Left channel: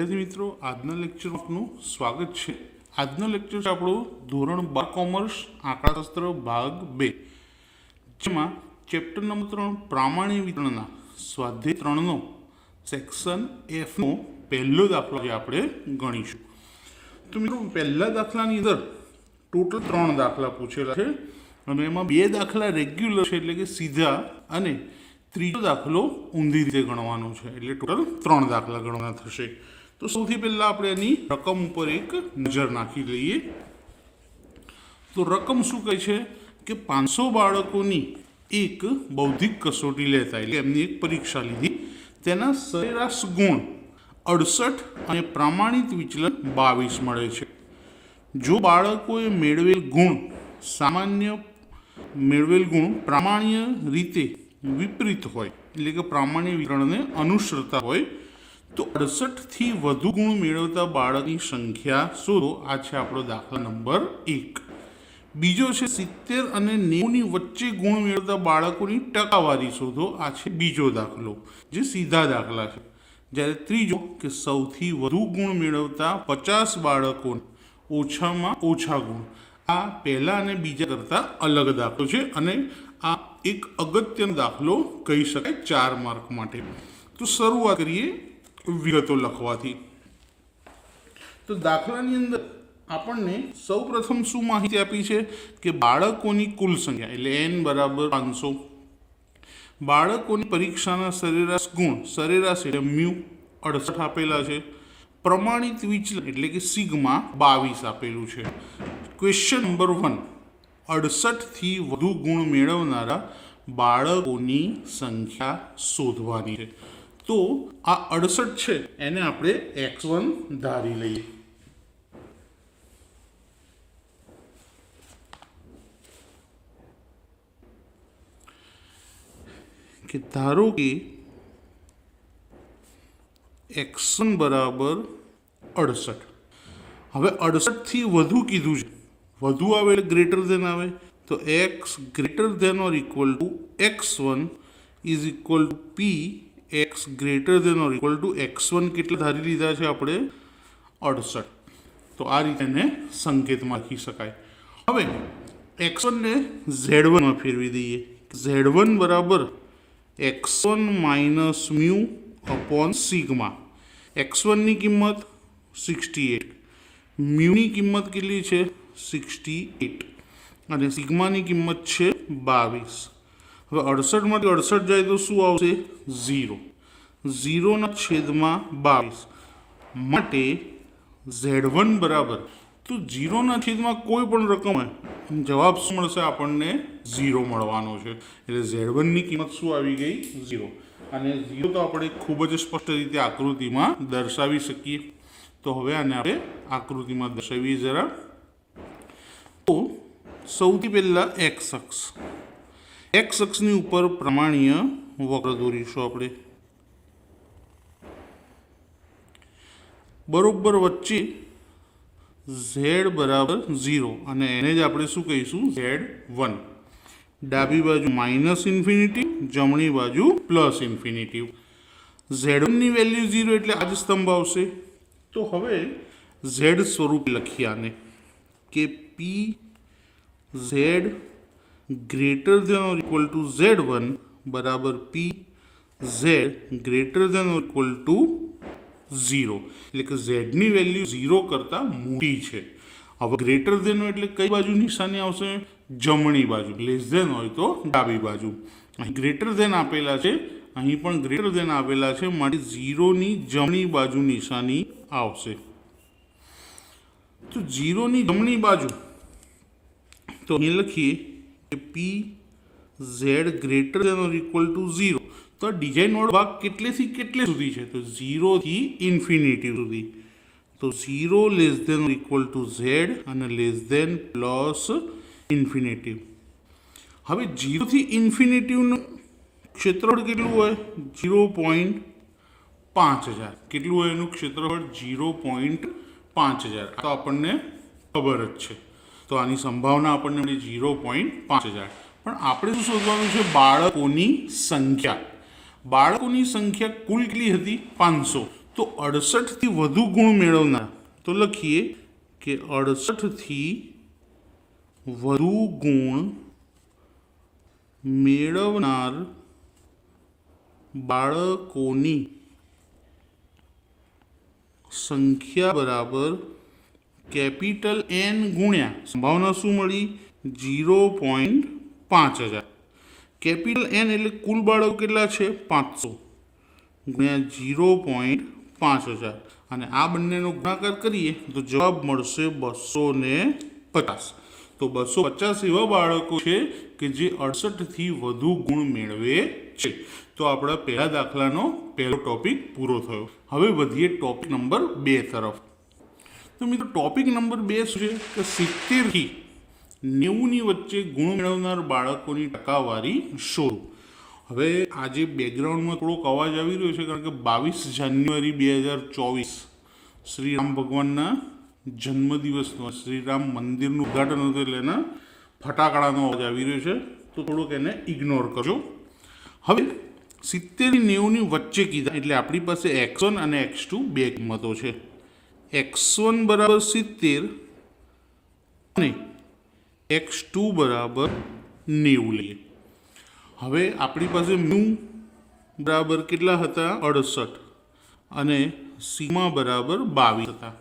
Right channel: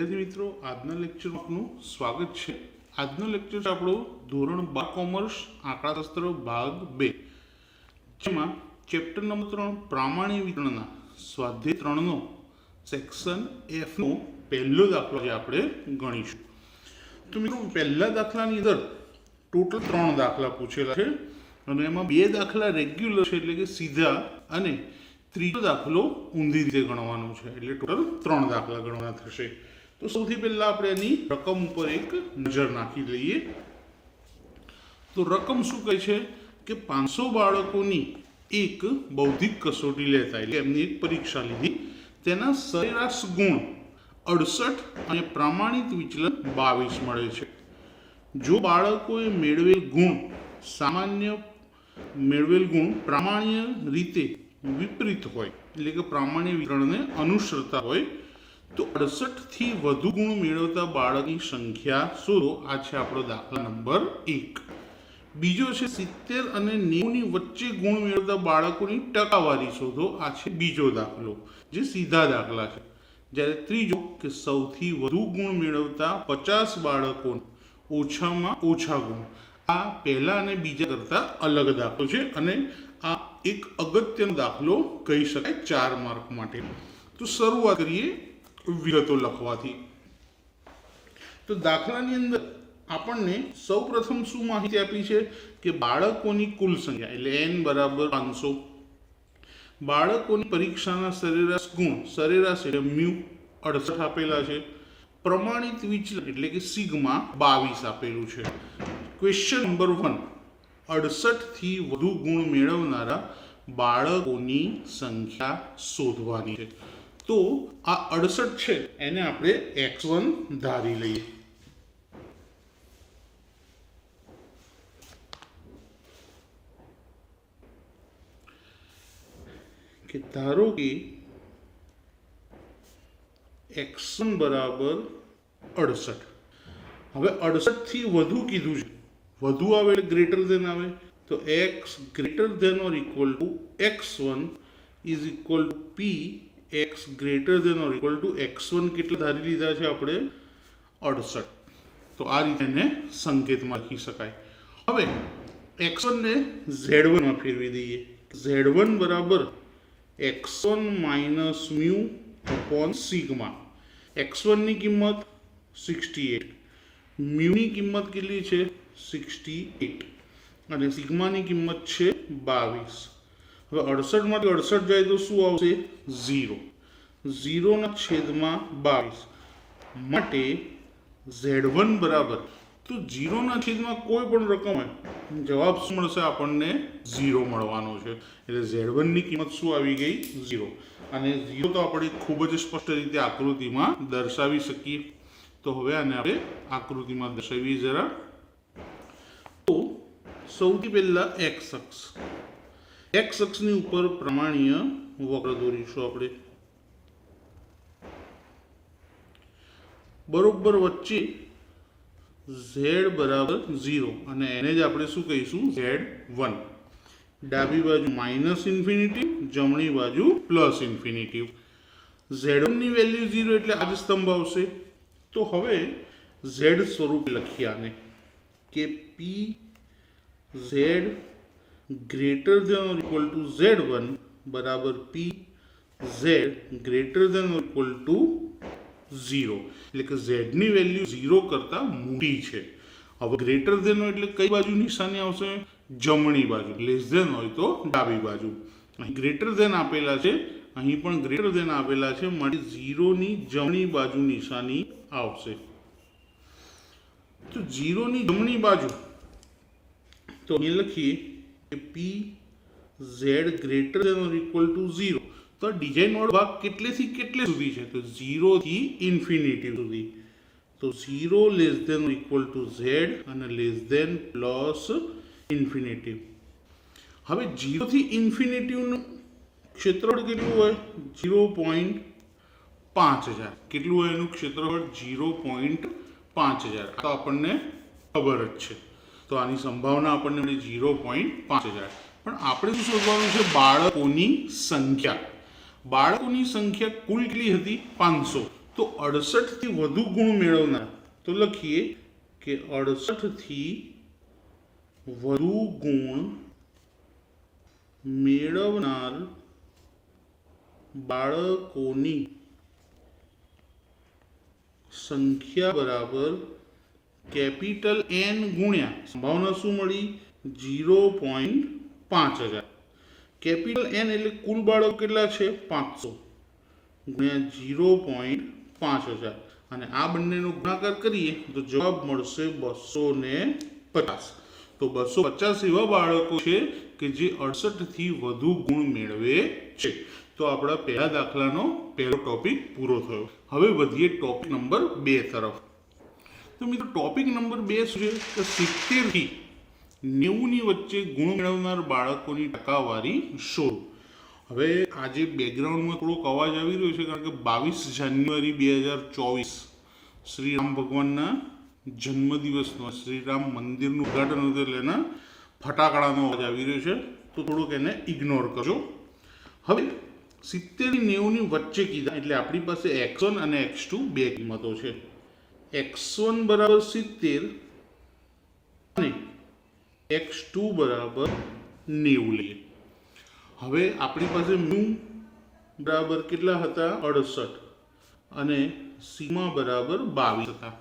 વિદ્યાર્થી મિત્રો, આજના લેક્ચરમાં આપનું સ્વાગત છે। આજનો લેક્ચર છે આપણો ધોરણ 12 કોમર્સ આંકડાશાસ્ત્ર ભાગ 2, જેમાં ચેપ્ટર નંબર 3 પ્રામાણ્ય વિતરણના સ્વાધ્યાય 3નો સેક્શન F નો પહેલો દાખલો જે આપણે ગણીશું। તો મિત્રો, પહેલા દાખલાની અંદર ટોટલ 3 દાખલા પૂછેલા છે અને એમાં 2 દાખલા રેગ્યુલર છે એટલે કે સીધા, અને ત્રીજો દાખલો ઊંધી રીતે ગણવાનો છે એટલે ટોટલ 3 દાખલા ગણવાના થશે। તો સૌથી પહેલા આપણે એની રકમ ઉપર એક નજર નાખી લઈએ। તો રકમ શું કહે છે કે 500 બાળકોની એક બૌદ્ધિક કસોટી લેતા એટલે એમની એક પરીક્ષા લીધી, તેના સરેરાશ ગુણ 68 અને પ્રમાણિત વિચલન 22 મળે છે। જો બાળકોએ મેળવેલ ગુણ પ્રામાણ્ય રીતે વિપરીત હોય એટલે કે પ્રામાણ્ય વિતરણને અનુસરતા હોય તો 68 થી વધુ ગુણ મેળવતા બાળકની સંખ્યા શોધો। આ છે આપણો દાખલા નંબર 1। બીજો છે 70 અને 90 ની વચ્ચે ગુણ મેળવતા બાળકોની ટકાવારી શોધો। આ છે બીજો દાખલો, જે સીધા દાખલા છે। જ્યારે ત્રીજો કે સૌથી વધુ ગુણ મેળવતા 50 બાળકો ઓછામાં ઓછા ગુણ। આ પહેલા અને બીજા કરતાં અલગ દાખલો છે અને આ એક અગત્યનો દાખલો કહી શકાય 4 માર્ક માટે। તો શરૂઆત કરીએ વિગતો લખવાથી। તો દાખલાની અંદર આપણને સૌપ્રથમ શું માહિતી આપી છે કે બાળકોની કુલ સંખ્યા એટલે n બરાબર 500, બાળકોની પરીક્ષાના સરેરાશ ગુણ, સરેરાશ એટલે મ્યુ 68 આપેલા છે, પ્રમાણિત વિચલન એટલે કે સિગ્મા 22 આપેલું છે। ક્વેશ્ચન નંબર 1, 68 થી વધુ ગુણ મેળવનારા બાળકોની સંખ્યા શોધવાની છે। તો આ 68 છે એને આપણે x1 ધારી લઈએ। કે ધારો કે x1 બરાબર 68। હવે 68 થી વધુ કીધું છે, વધુ આવે એટલે ગ્રેટર ધેન આવે, તો x greater than or equal to x1 is equal to p x greater than or equal to x1 કેટલા ધારી લીધા છે આપણે 68। તો આ રીતે એને સંકેતમાં લખી શકાય। હવે x1 ને z1 માં ફેરવી દઈએ। z1 બરાબર x1 minus mu upon sigma. x1 ની કિંમત 68, મ્યુની કિંમત કેટલી છે 68 અને સિગ્માની કિંમત છે 22। હવે 68 માંથી 68 જાય તો શું આવશે 0, 0 ના છેદમાં 22 માટે z1 બરાબર, તો 0 ના છેદમાં કોઈ પણ રકમ હોય જવાબ શું મળશે આપણને 0 મળવાનો છે। એટલે z1 ની કિંમત શું આવી ગઈ 0, અને 0 તો આપણે ખૂબ જ સ્પષ્ટ રીતે આકૃતિમાં દર્શાવી શકીએ। તો હવે આને આપણે આકૃતિમાં દર્શાવીએ જરા। તો સૌથી પહેલા x અક્ષની ઉપર પ્રમાણીય વક્ર દોરીશું આપણે। બરોબર વચ્ચે z બરાબર 0 અને એને જ આપણે શું કહીશું z1। ડાબી બાજુ માઇનસ ઇન્ફિનિટી, જમણી બાજુ પ્લસ ઇન્ફિનિટી। z1 ની વેલ્યુ 0 એટલે આ જ સ્તંભ આવશે। તો હવે z સ્વરૂપ લખીએ આને કે p z greater than or equal to z1 બરાબર p z greater than or equal to 0, એટલે કે z ની વેલ્યુ 0 કરતાં મોટી છે। હવે ગ્રેટર ધેન હોય એટલે કઈ બાજુ નિશાની આવશે જમણી બાજુ, લેસ ધેન હોય તો ડાબી બાજુ। અહીં ગ્રેટર ધેન આપેલા છે, અહીં પણ ગ્રેટર ધેન આપેલા છે, માટે 0 ની જમણી બાજુ નિશાની આવશે। તો 0 ની જમણી બાજુ તો અહીં લખીએ કે p z greater than or equal to 0। તો ડિઝાઇન વાળો ભાગ કેટલેથી કેટલે સુધી છે તો 0 થી ઇન્ફિનિટી સુધી। તો 0 less than or equal to z અને લેસ ધેન પ્લસ ઇન્ફિનિટી। હવે 0 થી ઇન્ફિનિટીનું ક્ષેત્રફળ કેટલું હોય 0.5000। કેટલું હોય એનું ક્ષેત્રફળ 0.5000, તો આપણને ખબર જ છે। તો આની સંભાવના આપણને મળી 0.5000। પણ આપણે શું શોધવાનું છે બાળકોની સંખ્યા। બાળકોની સંખ્યા કુલ કેટલી હતી 500, તો 68થી વધુ ગુણ મેળવનાર, તો લખીએ કે 68થી વધુ ગુણ મેળવનાર બાળકોની સંખ્યા બરાબર કેપિટલ N ગુણ્યા સંભાવના શું મળી 0.5000. કેપિટલ N એટલે કુલ બાળકો કેટલા છે 500 ગુણ્યા 0.5000 અને આ બંનેનો ગુણાકાર કરીએ તો જવાબ મળશે 250. તો 250 એવા બાળકો છે કે જે 68થી વધુ ગુણ મેળવે છે. તો આપણા પહેલા દાખલાનો પહેલો ટોપિક પૂરો થયો. હવે વધીએ ટોપિક નંબર 2 તરફ. તો મિત્રો ટોપિક નંબર 2 શું છે? તો 70થી 90ની વચ્ચે ગુણ મેળવનાર બાળકોની ટકાવારી શોધો. હવે આજે બેકગ્રાઉન્ડમાં થોડોક અવાજ આવી રહ્યો છે કારણ કે 22 જાન્યુઆરી 2024 શ્રી રામ ભગવાનના જન્મદિવસનો શ્રીરામ મંદિરનું ઉદ્ઘાટન હતું એટલે એના ફટાકડાનો અવાજ આવી રહ્યો છે, તો થોડુંક એને ઇગ્નોર કરજો. હવે 70 થી 90ની વચ્ચે કીધા એટલે આપણી પાસે x1 અને x2 બે કિંમતો છે. x1 બરાબર 70 અને x2 બરાબર 90 લઈએ. હવે આપણી પાસે મ્યુ બરાબર કેટલા હતા 68 અને સિગ્મા બરાબર 22 હતા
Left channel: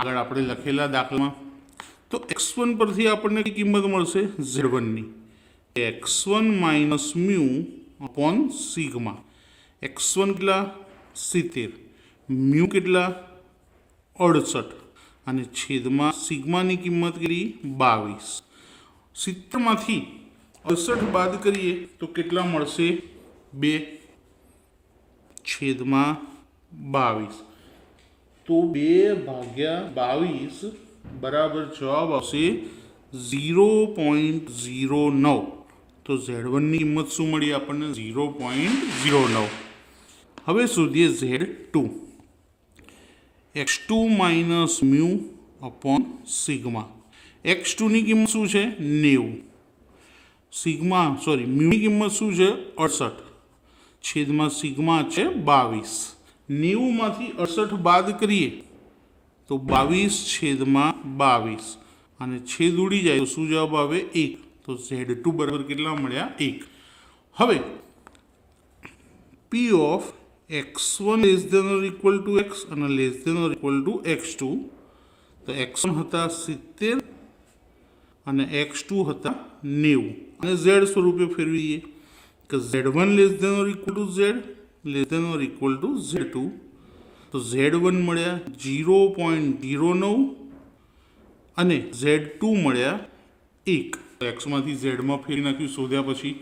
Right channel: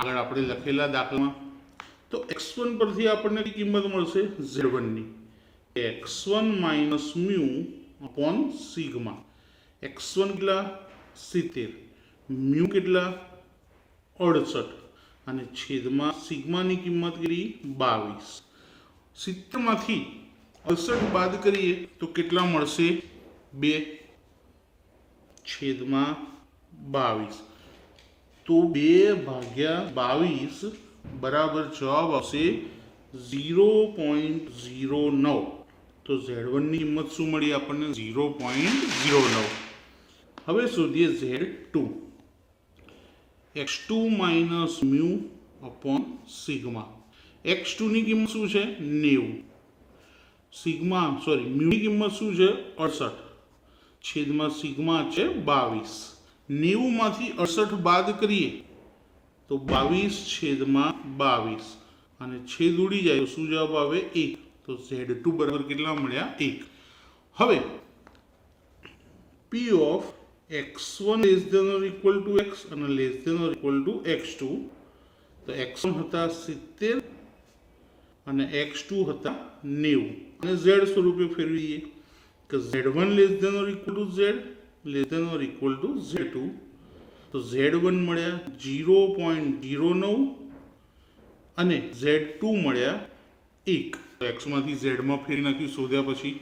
આગળ આપણે લખેલા દાખલામાં. તો x1 પરથી આપણને કઈ કિંમત મળશે z1 ની. x1 minus mu upon sigma. x1 કેટલા 70, મ્યુ કેટલા 68 અને છેદમાં સિગ્માની કિંમત કેટલી 22. 70 માંથી 68 બાદ કરીએ તો કેટલા મળશે 2 છેદમાં 22. તો 2/22 બરાબર જવાબ આવશે 0.09. તો Z1 ની કિંમત શું મળી આપણને 0.09. હવે શોધીએ Z2. x2 minus mu upon sigma. x2 ની કિંમત શું છે 90, મ્યુની કિંમત શું છે 68 છેદમાં સિગ્મા છે 22. 90 માંથી 68 બાદ કરીએ તો 22 છેદમાં 22 અને છેદ ઉડી જાય તો શું જવાબ આવે 1. તો Z2 બરાબર કેટલા મળ્યા 1. હવે P of x1 less than or equal to x અને less than or equal to x2. તો x1 હતા 70 અને x2 હતા 90 અને z સ્વરૂપે ફેરવીએ કે z1 less than or equal to z less than or equal to z2. તો z1 મળ્યા 0.09 અને z2 મળ્યા 1. x માંથી z માં ફેરવી નાખ્યું શોધ્યા પછી.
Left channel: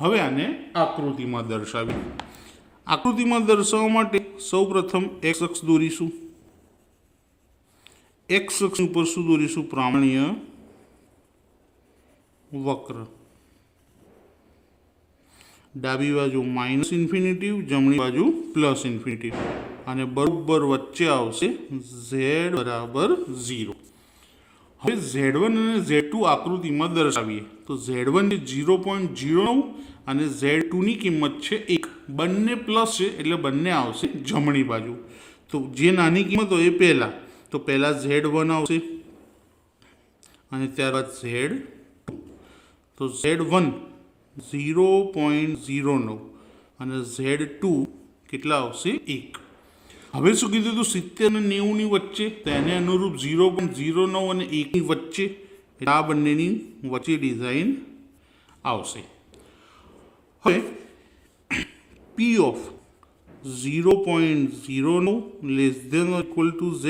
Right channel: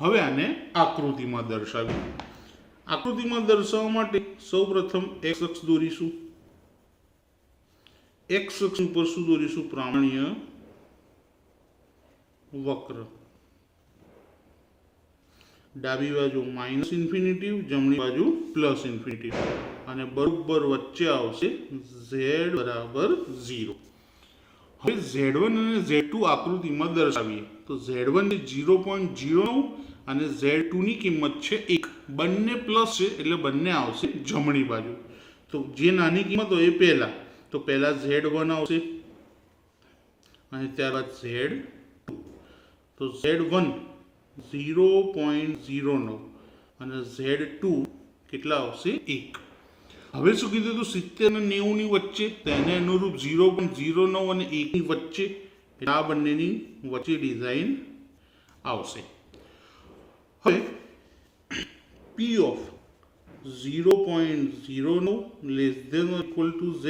હવે આને આકૃતિમાં દર્શાવી. આકૃતિમાં દર્શાવવા માટે સૌપ્રથમ x અક્ષ દોરીશું. x અક્ષ ઉપર શું દોરીશું પ્રામાણ્ય વક્ર. ડાબી બાજુ માઇનસ ઇન્ફિનિટિવ, જમણી બાજુ પ્લસ ઇન્ફિનિટિવ અને બરોબર વચ્ચે આવશે z બરાબર 0. હવે Z1 અને Z2 આકૃતિમાં દર્શાવીએ તો Z1 એ 0.09 અને Z2 ની કિંમત છે 1. બંને પ્લસ છે એટલે બંને આવશે જમણી બાજુ. તો જે નાની કિંમત હોય એ પહેલાં, તો પહેલાં Z1 આવશે અને ત્યારબાદ Z2. તો Z1 0.09 અને Z2 કેટલા આવશે 1. હવે શું કીધું હતું 70 અને 90ની વચ્ચે, તો એને અનુરૂપ 0.09 અને 1ની વચ્ચે, આ બંનેની વચ્ચે ડિઝાઇન આવશે. હવે P of 0.09 less than or equal to z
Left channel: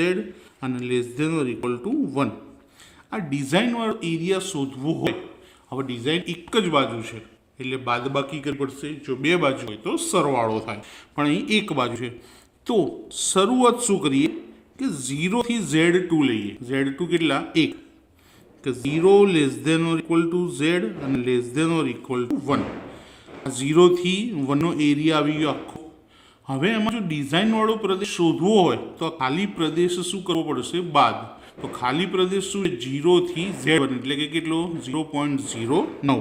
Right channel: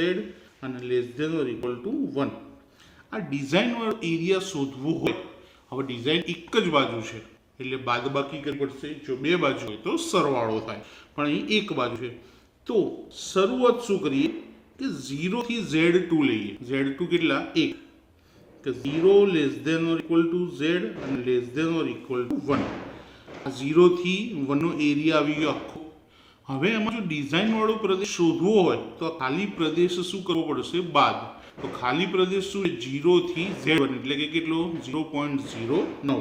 અને less than or equal to 1. આ ડિઝાઇનવાળો એરિયા શોધવો હોય, હવે ડિઝાઇન એક જ બાજુ છે એટલે બાદબાકી કરવી પડશે. જો બે બાજુ હોય તો સરવાળો થાય, પણ અહીં એક બાજુ છે. તો શરૂઆત શું કરીએ કે 0 થી Z2 લઈએ. Z2 કેટલા 1, કે 0 less than or equal to z અને less than or equal to 1. 0 થી 1 નો એરિયા આવી ગયો આખો. હવે એમાં જો ડિઝાઇનવાળો પ્રદેશ શોધવો હોય તો ખાલી પ્રદેશ શું કરવો પડશે બાદ. તો ખાલી પ્રદેશ શું 0 થી Z1 એટલે કે કેટલો 0.09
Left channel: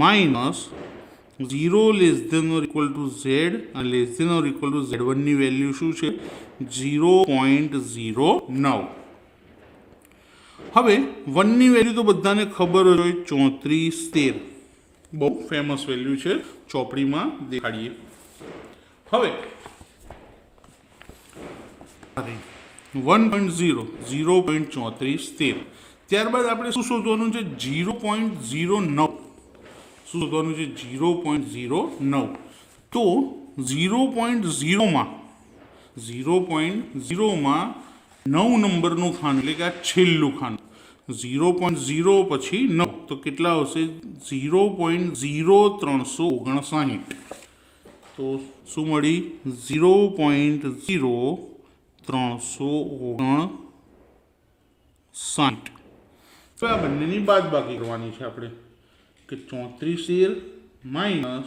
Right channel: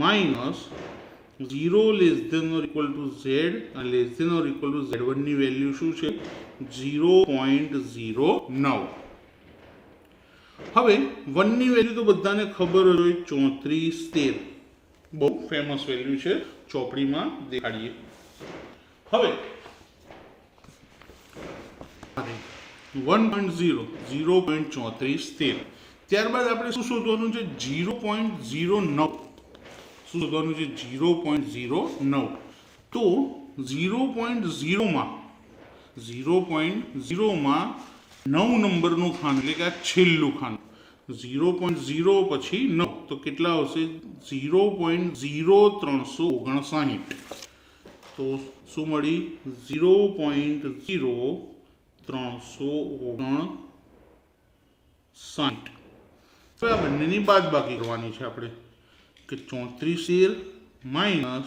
minus 0 less than or equal to Z અને less than or equal to Z1ની વેલ્યુ શું છે? 0.09. હવે 1ની વેલ્યુ તો બધાને ખબર હોય, 3413 બહુ ફેમસ વેલ્યુ છે, ચોપડીમાં દેખાડીએ. હવે 1.0 0.3413. ત્યારબાદ આપણે શું શોધવાનું છે? 0.09. શું શોધવાનું છે? 0.09. તો 0.0માં 9 નંબરનું ખાનું, એટલે કે આ છેલ્લું ખાનું. 0.0 પછી 9 તો કેટલા આવશે? 0.0359. તો શું મળી? 0.0359. તો આ બંનેની બાદબાકી કરવાની છે આપણે, કે 3413 માઇનસ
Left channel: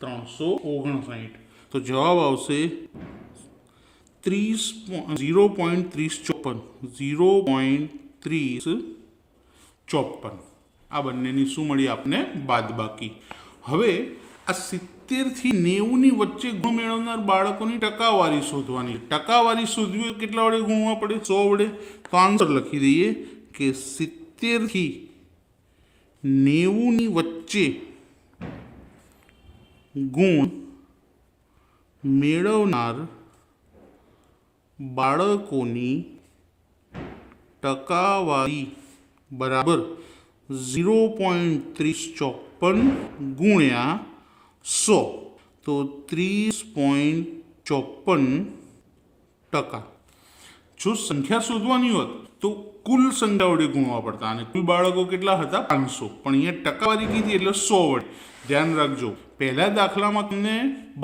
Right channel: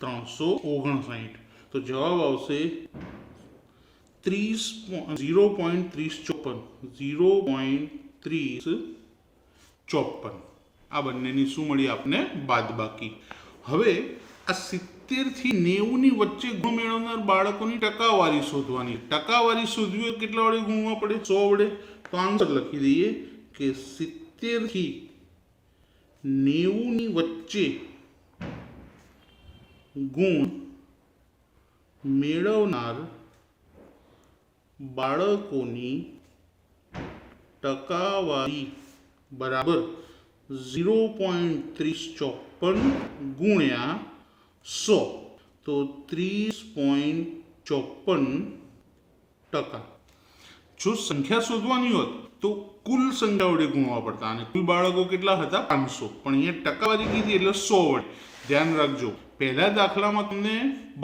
359. તો જવાબ આવશે 0.3054. 0.3054. આ બંનેની શું મળી આપણને? બાદબાકી. હવે આ 70 થી 90ની વચ્ચે ગુણ મેળવનાર બાળકોની ટકાવારી શોધવાની. ટકાવારી શોધવી હોય કેટલા વડે ગુણવા પડે? 100 વડે. તો આન્સર લખી દઈએ કે 70 થી 90ની વચ્ચે ગુણ મેળવનાર બાળકોની ટકાવારી બરાબર 0.3054 ગુણ્યા 100. તો 30.54%. જો સંખ્યા શોધવાની હોત તો કુલ સંખ્યા વડે ગુણવા પડતા, અને કુલ બાળકો કેટલા હતા? 500. પણ અહીંયા ટકાવારી કીધી એટલે 100 વડે. ધ્યાન રાખજો, પહેલા દાખલામાં તમને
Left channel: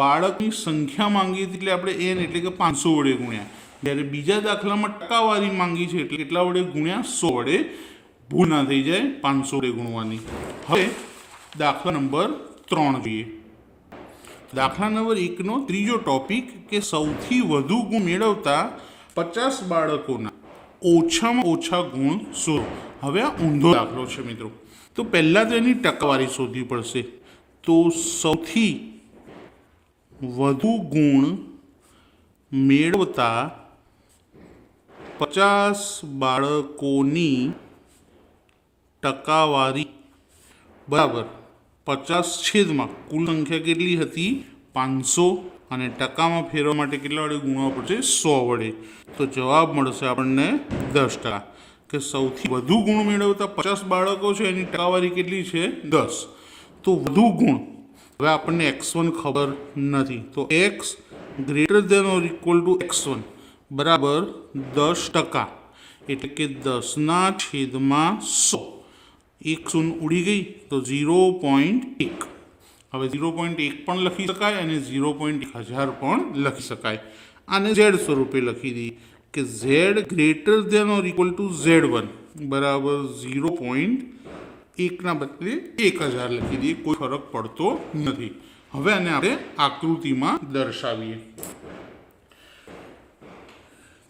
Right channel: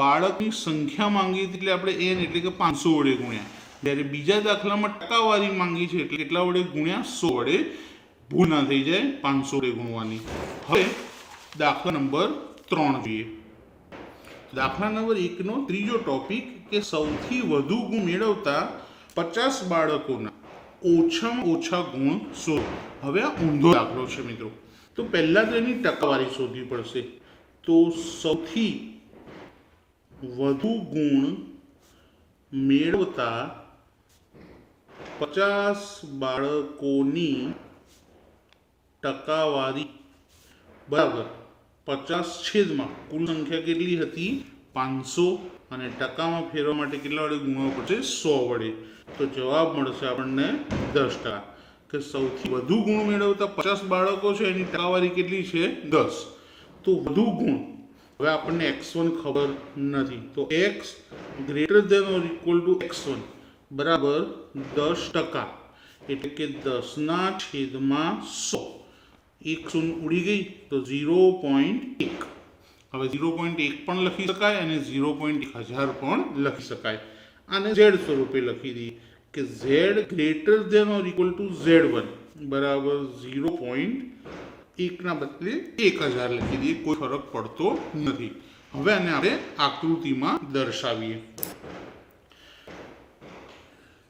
બાળકની સંખ્યા માંગી હતી એટલે આપણે n એટલે કે 500 વડે ગુણ્યા. જ્યારે બીજા દાખલામાં ટકાવારી માંગી છે એટલે કેટલા વડે ગુણ્યા? 100 વડે. ભૂલ ના થઈ જાય 500 વડે ગુણવાની. હવે દાખલા નંબર 3 જોઈએ. દાખલા નંબર 1નો ત્રીજો ટોપિક, કે સૌથી વધુ ગુણ મેળવતા 50 બાળકોના ઓછામાં ઓછા ગુણ શોધો. હવે આ ઊંધો દાખલો છે મિત્રો. તો પહેલાં તો એની ટકાવારી શોધવી પડશે. તો સૌથી વધુ ગુણ મેળવતા 50 બાળકોની ટકાવારી બરાબર 50 છેદમાં કુલ સંખ્યા કેટલી હતી? 500. અને ટકામાં ફેરવા માટે કેટલા વડે ગુણવા પડશે? 100 વડે. તો જવાબ મળશે આપણને 10%. કે સૌથી વધુ ગુણ મેળવતા 50 બાળકો છે, એની ટકાવારી કેટલી છે? 10. તો વધુ ગુણ, હવે આપણને x1 ખબર નથી, તો x greater than or equal to x1 બરાબર 10%. એટલે કે 10ના છેદમાં 100. 1 શૂન્ય ઉડી ગઈ તો 0.1. હવે 0.1 પણ લખી શકાય અને 0.1000 પણ લખી શકાય. આને z સ્વરૂપે લખી દઈએ કે z greater than or equal to z1 બરાબર 0.1 ના બદલે 1000 લખી દઈએ. કોઈ ફરક પડતો નથી. હવે આને આપણે આકૃતિમાં દર્શાવીએ.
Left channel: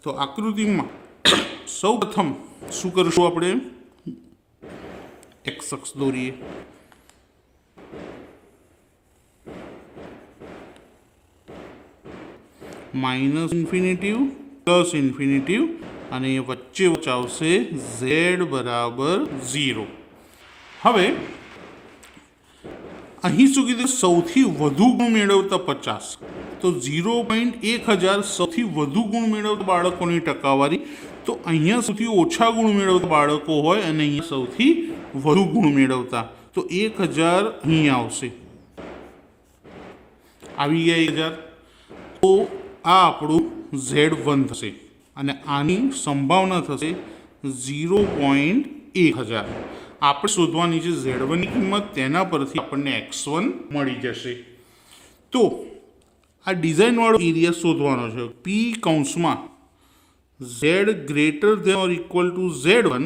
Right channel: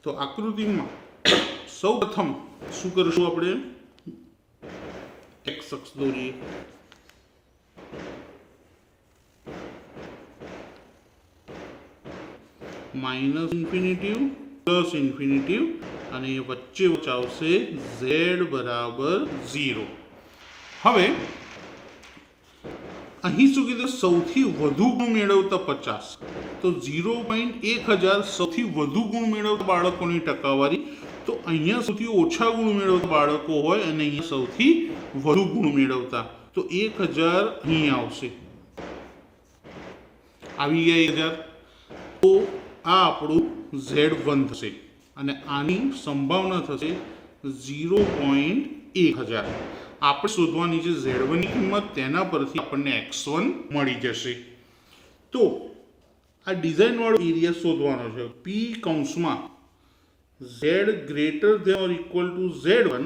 તો આકૃતિમાં સૌ પ્રથમ શું કરશું? આપણે x અક્ષ દોરીએ. માઇનસ ઇન્ફિનિટિવ પ્લસ ઇન્ફિનિટિવ અને વચ્ચે આવશે z બરાબર 0. હવે અહીં શું કીધું? સૌથી વધુ ગુણ મેળવતા 50. તો 0.1000 સૌથી વધુ ગુણ મેળવતા બાળકોની ટકાવારી. તો અહીંયા સૌથી ઓછા ગુણ મેળવતા બાળકો હોય અને અહીંયા સૌથી વધુ ગુણ મેળવતા, તો 1000 અહીંયા આવશે. આવી ગયા 1000. તો આ આપણું Z1 થશે અને આની સંભાવના થશે 0.1000. આપણે શોધવાની છે Z1ની કિંમત, તેના પરથી આપણને x1 મળી જશે. તો આ ડિઝાઇનવાળો એરિયા શોધવાનો છે. P કૌંસમાં Z greater than or equal to Z1.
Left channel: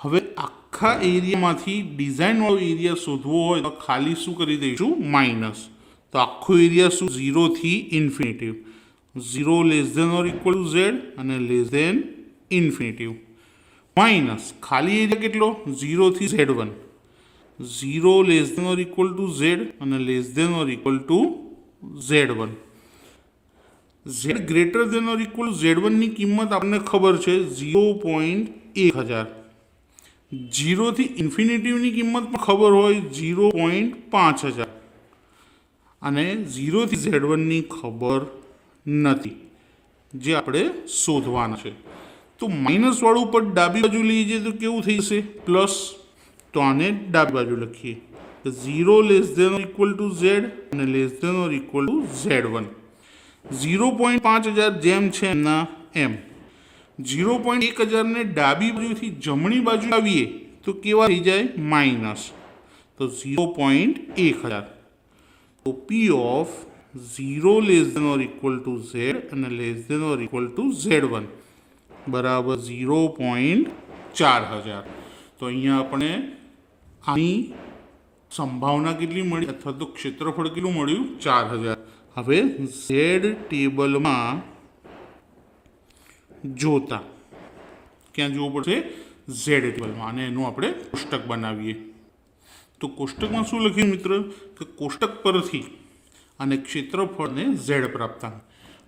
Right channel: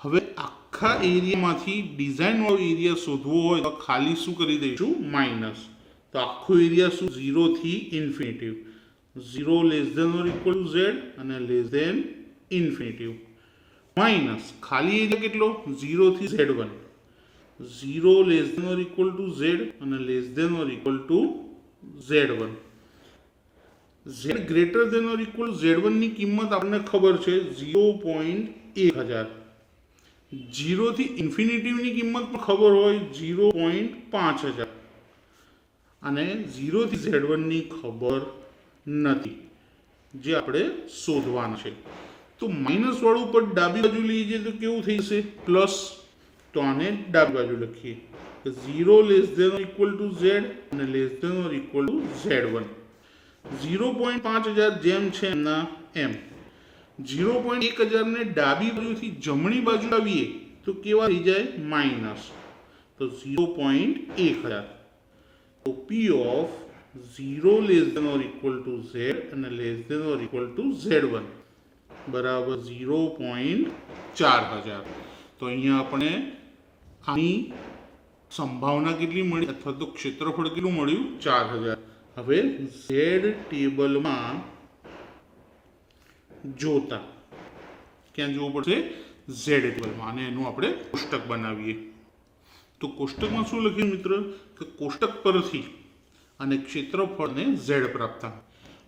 હવે આખા એરિયામાંથી ડિઝાઇનવાળો એરિયા શોધવો હોય તો ખાલી શું કરી દઈશું? માઇનસ. તો આખો એરિયા શું? 0 થી infinitive. 0 less than or equal to z અને લેસ દેન ઇન્ફિનિટિવ. માઇનસ ખાલી એરિયા કેટલો? 0 થી z1. 0 less than or equal to Z અને less than or equal to Z1. Z greater than or equal Z1 ની કિંમત આપણને ખબર છે 0.1000. 0 થી ઇન્ફિનિટીની કિંમત પણ ખબર હોય 0.5000 અને 0 થી Z1 ની ખબર નથી જે આપણે શોધવાનું છે. તો માઇનસ વાળું પર ડાબી બાજુ લઈ જઈએ તો કેવું થઈ જશે પ્લસ. તો આને ડાબી બાજુ લખીએ 0 less than or equal to Z અને less than or equal to Z1. 0.5000 જેમ છે એમના એમ. 0.1000 ને ડાબી બાજુથી જમણી બાજુ આવીએ તો કેવા થઈ જાય માઇનસ. તો 0.1000. તો P of 0 less than or equal to Z અને less than or equal to Z1 બરાબર 0.4000. તો અહીંયા આપણે આની સંભાવના કેટલી મળી અથવા તો ક્ષેત્રફળ કેટલું મળ્યું 4000. હવે ઝેડ ટેબલમાં જોતા ક્યાં જોવું પડશે ઝેડ ટેબલમાં અને એનું આપણે કોષ્ટક બનાવીએ. તો કોષ્ટકમાં શું લખ્યું મિત્ર કે કોષ્ટક પરથી અને ક્ષેત્રફળને ઝેડ પ્રાપ્ત થાય.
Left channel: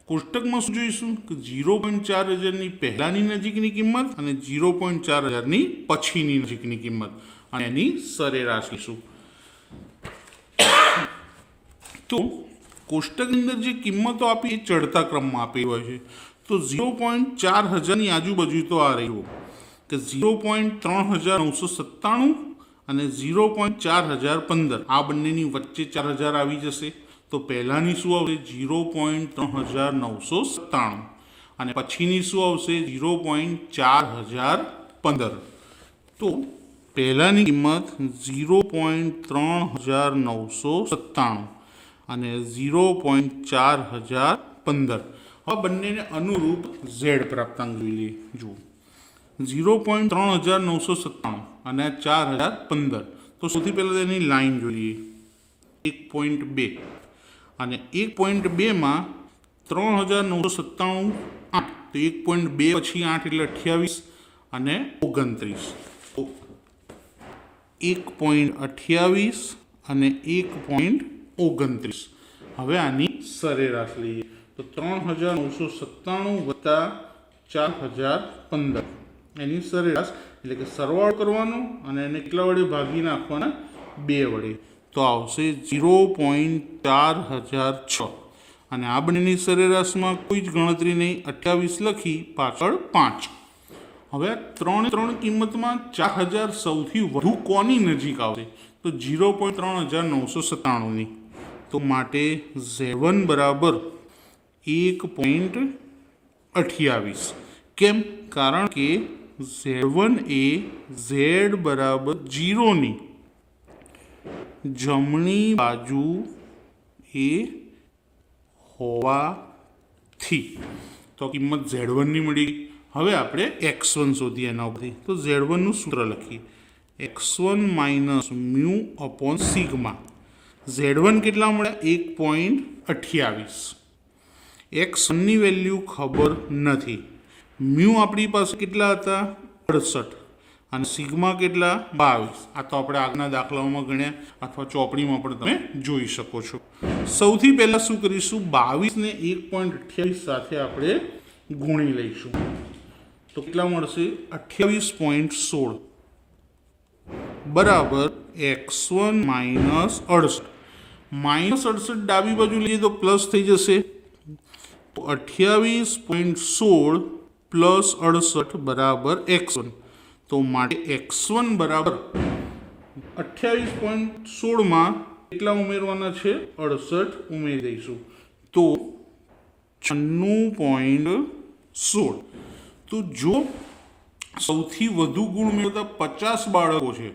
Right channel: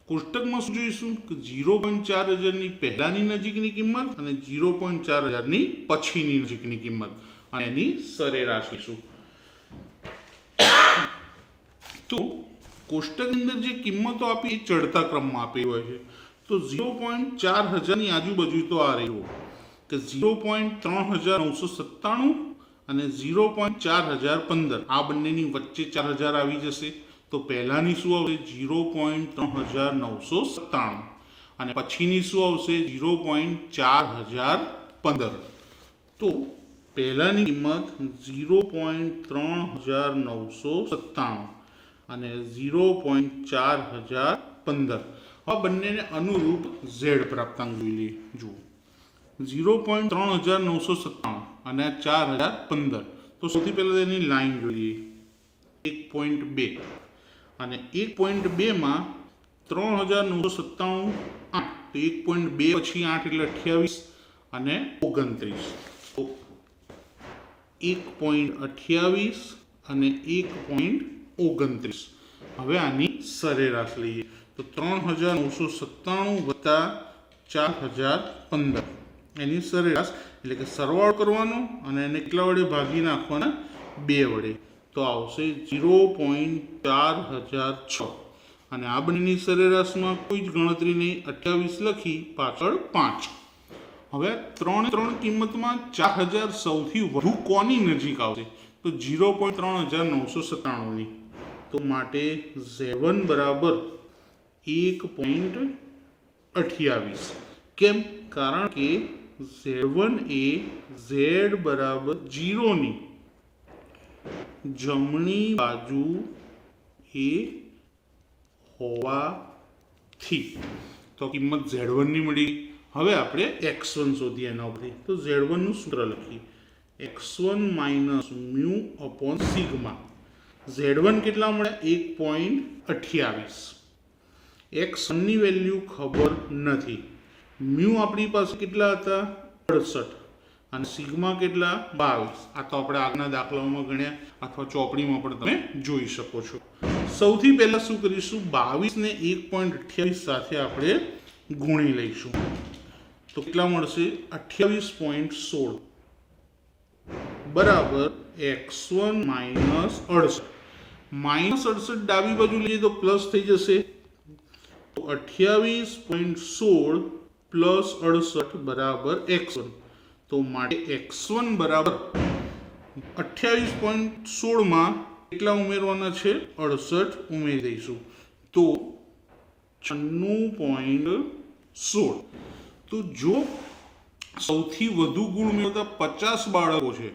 કોષ્ટકમાં શું જોઈશું કે 0.4000ની પહેલાની નજીકની કિંમત અને 0.4000ની પછીની નજીકની કિંમત અને એની સરેરાશ લઈશું. તો કોષ્ટકની અંદર જે કિંમતો આપી એ ચડતા ક્રમમાં આપી હોય છે. તો 0.4000ની આજુબાજુ તો આ રહ્યું કે 0.3997 અને 0.4015 આ બંનેની વચ્ચે 4000 આવી જશે. તો પહેલાની શું આવશે 0.3997 અને પછીની શું આવશે 0.4015. તો પહેલાની કિંમત 0.3997 અને 0.4015. આ બંનેને અનુરૂપ ઝેડ પ્રાપ્તાંક લઈએ. જુઓ 0.3997 અને 4015. તો સૌથી પહેલાં તેની લાઈન જોઈએ 1.2 અને 1.2માં 3997 8. તો 1.2 પછી 8 એટલે 28 અને 29. તો 1.28 અને 1.29. હવે આની સરેરાશ લઈએ તો 3997 વત્તા 4015 એની સરેરાશ એટલે કે સરવાળો કરવાનો અને એને કેટલા વડે ભાગી નાખવાના 2 વડે. તો આવશે 0.4006 અને આ બંનેની સરેરાશમાં કોઈ જ ગણતરી નહીં 28 લખી પાછળ 5. હવે 3 કિંમતમાં 4000 સૌથી વધુ કોની નજીક આવશે તો 0.3997ની. તો માટે Z1 બરાબર 1.28. કેમ? કારણ કે Z1 એ Z બરાબર 0ની જમણી બાજુ એ હોવાથી. તો કિંમત Z1ની મળી. હવે આપણે x1 શોધીએ એના ઉપરથી. તો Z1નું સૂત્ર લખીએ x1 minus mu upon sigma. Z1 કેટલા મળ્યા 1.28. x1ની વેલ્યુ ખબર નથી. મ્યુ આપણી પાસે કેટલા હતા 68 અને સિગ્મા કેટલા 22. આ તો આપણે આગળના દાખલાઓમાં ગણ્યા અથવા ચોપડીમાં પણ તમે જોઈ શકો છો. સૌથી પહેલાં શું કરીશું 22 ને 1.28 સાથે આપણે ગુણી લઈશું. તો કેટલા મળશે 28.16 બરાબર x1 માઇનસ 68. માઇનસ 68 ડાબી બાજુ લઈએ તો પ્લસ થઈ જશે. 28.16 પ્લસ 68 બરાબર x1. તો માટે x1 બરાબર 28.16માં કેટલા ઉમેરવાના છે 68 ઉમેરી દઈશું. તો 96.16. તો જો સૌથી વધુ ગુણ મેળવતા 50 બાળકો છે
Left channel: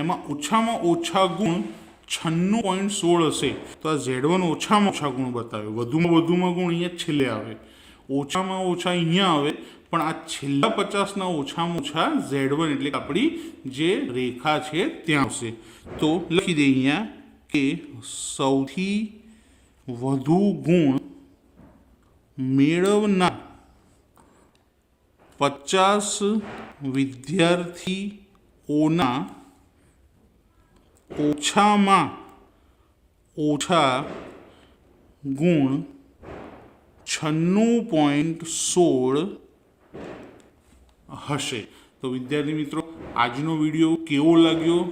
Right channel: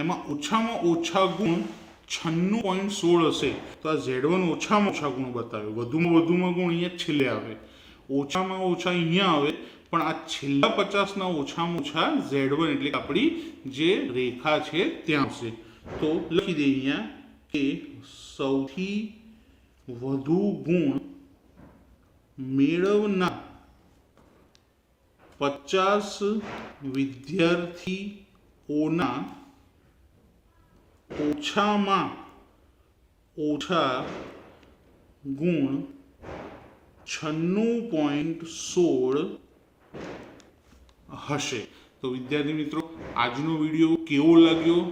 એમાં ઓછામાં ઓછા ગુણ 96.16 હશે તો આ Z1 ઓછામાં ઓછા ગુણ બતાવે. વધુમાં ગુણ અહીંયા છેલ્લે આવે. ઓછામાં ઓછા અહીંયા આવે પણ આ છેલ્લા 50ના ઓછામાં ઓછા Z1 એટલે કે આપણી જે રેખા છે ત્યાં આવશે. તો લખી દઈએ અહીંયા કે સૌથી વધુ ગુણ મેળવનાર 50 વિદ્યાર્થીઓના ઓછામાં ઓછા ગુણ 96.16 હશે. તો વિદ્યાર્થી મિત્રો, આજનો વિડીયો કેવો લાગ્યો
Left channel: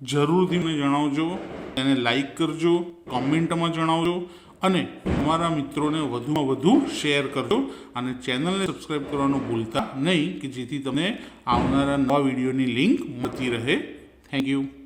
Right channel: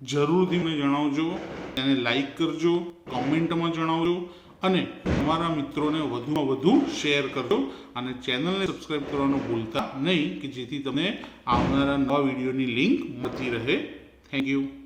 જરૂરથી મને જણાવજો. તેને લાઈક કરજો, કોમેન્ટમાં જણાવજો અને તમારા મિત્રોને વધુમાં વધુ શેર કરજો અને ચેનલને સબસ્ક્રાઈબ કરવાનું ભૂલતા નહીં કે જેથી તમને આવનારા નવા વિડીયોની લિંક મળતી રહે. Thank you.